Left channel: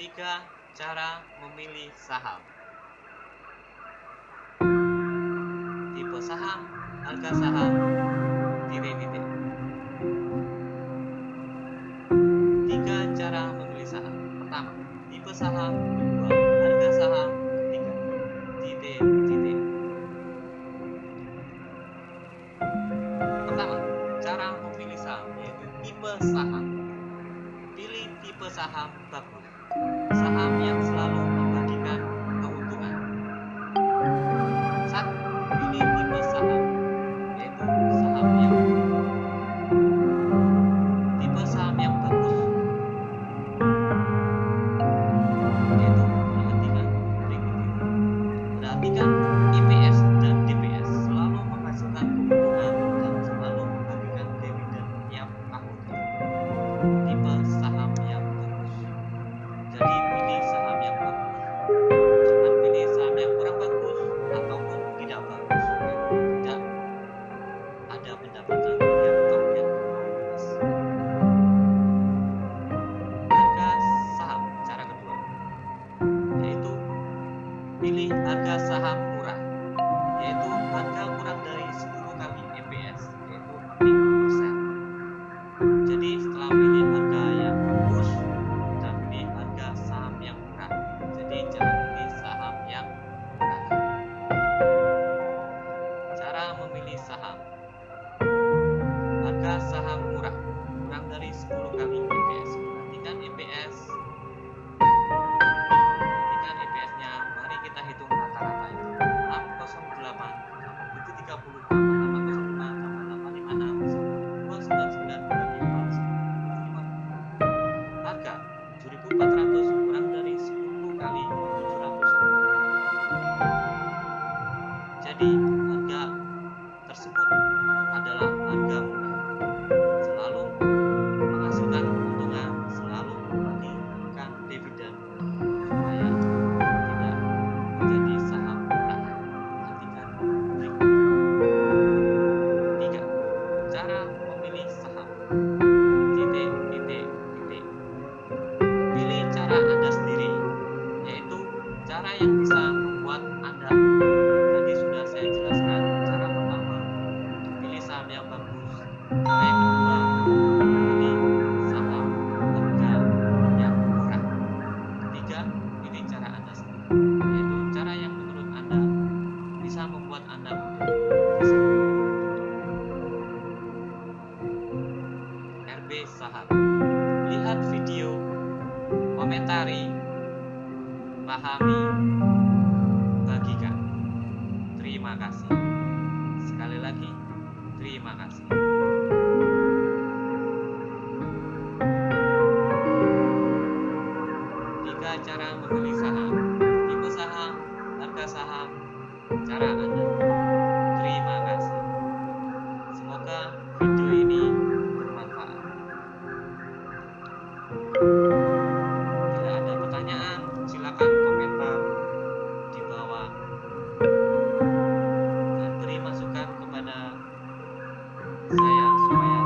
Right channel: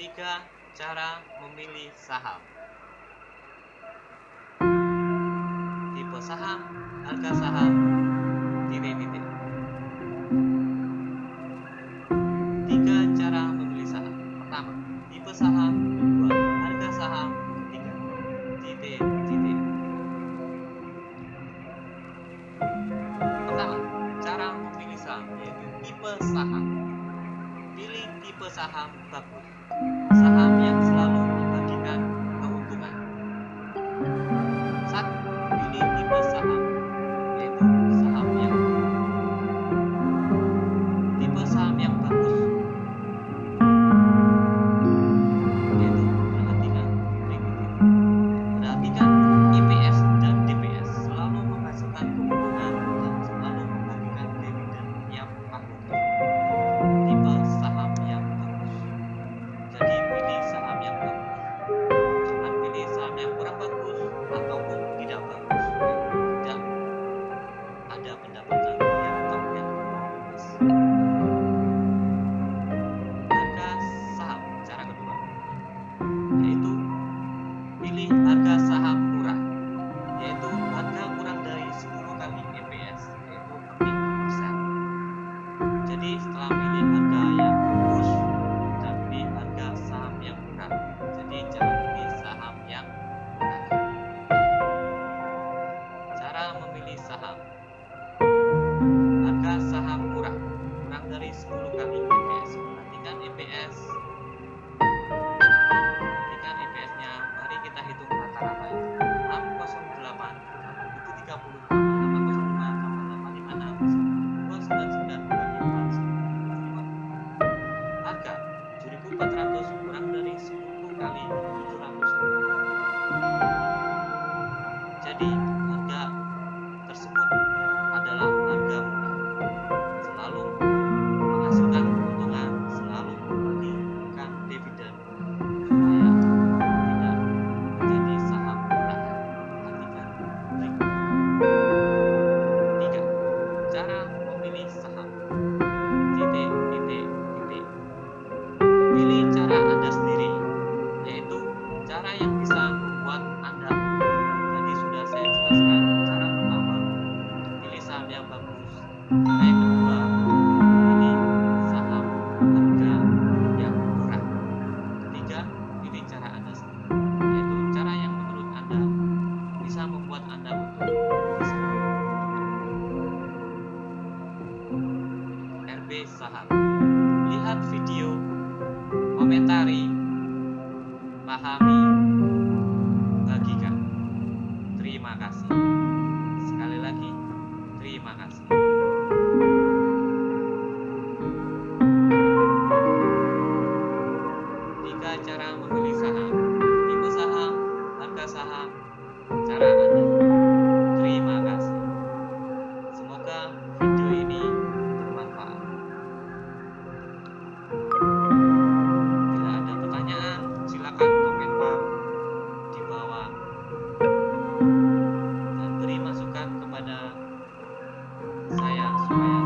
3. Cara memilih saham. Tipe saham, harga saham, titik-titik. 3. Cara memilih saham. Pertama, tipe saham. Kedua, harga saham. Ketiga, titik-titik. Pertama, cara memilih saham, yaitu tipe saham. Pilih tipe saham bagus, saham yang selalu membagikan keuntungan. 1. Pilih tipe saham, yaitu saham yang tipe saham yang bagus, yaitu perhatikan EPS dan DPS selalu menghasilkan keuntungan dan selalu membagikan dividen tiap tahun. Tipe saham yang bagus. Jadi pilih saham yang bagus. Jangan pilih saham yang kurang bagus ataupun tidak bagus. Tidak ada pendapatan yang tahunnya 0. Harga saham. Cara kedua, yaitu pilih harga saham murah, yaitu harga kurang dari 10 kali EPS, yaitu 6%. Jadi setelah pilih harga yang bagus, kita pilih harga saham yang murah. Jadi jangan pilih saham yang murah. Cara memilih saham. Harga saham murah, kurang dari 10 kali EPS. Perhatikan EPS. Perhatikan EPS-nya. Mari kita hitung rata-ratanya. 608 tambah 730 tambah 805 tambah 856 299 bagi 4 harga 7.400 kurang dari 10 kali 700. Jadi harga tersebut adalah harga murah, selalu menghasilkan keuntungan, selalu membagikan dividen supaya tidak menjadi saham murah. Perhatikan berikut. 3. Cara memilih saham. Titik. Pilih cara Anda sendiri, yaitu cara yang bisa membuat Anda untung. Tadi sudah saya jelaskan. Cara pertama, pilih saham yang bagus. Cara yang kedua, pilih saham harga yang murah. Ketiga, pilih cara Anda sendiri, yaitu cara yang menurut Anda bisa membuat Anda untung. RB Saham. Lihat video, komentari, pahami, bagikan. Terima kasih. Sekali lagi, terima kasih. Tiga cara memilih saham. Tipe saham, harga saham, cara Anda. Terima kasih. Semoga video ini bermanfaat. Bila ada pertanyaan, silakan komentar di bawah dan beri masukan kepada saya supaya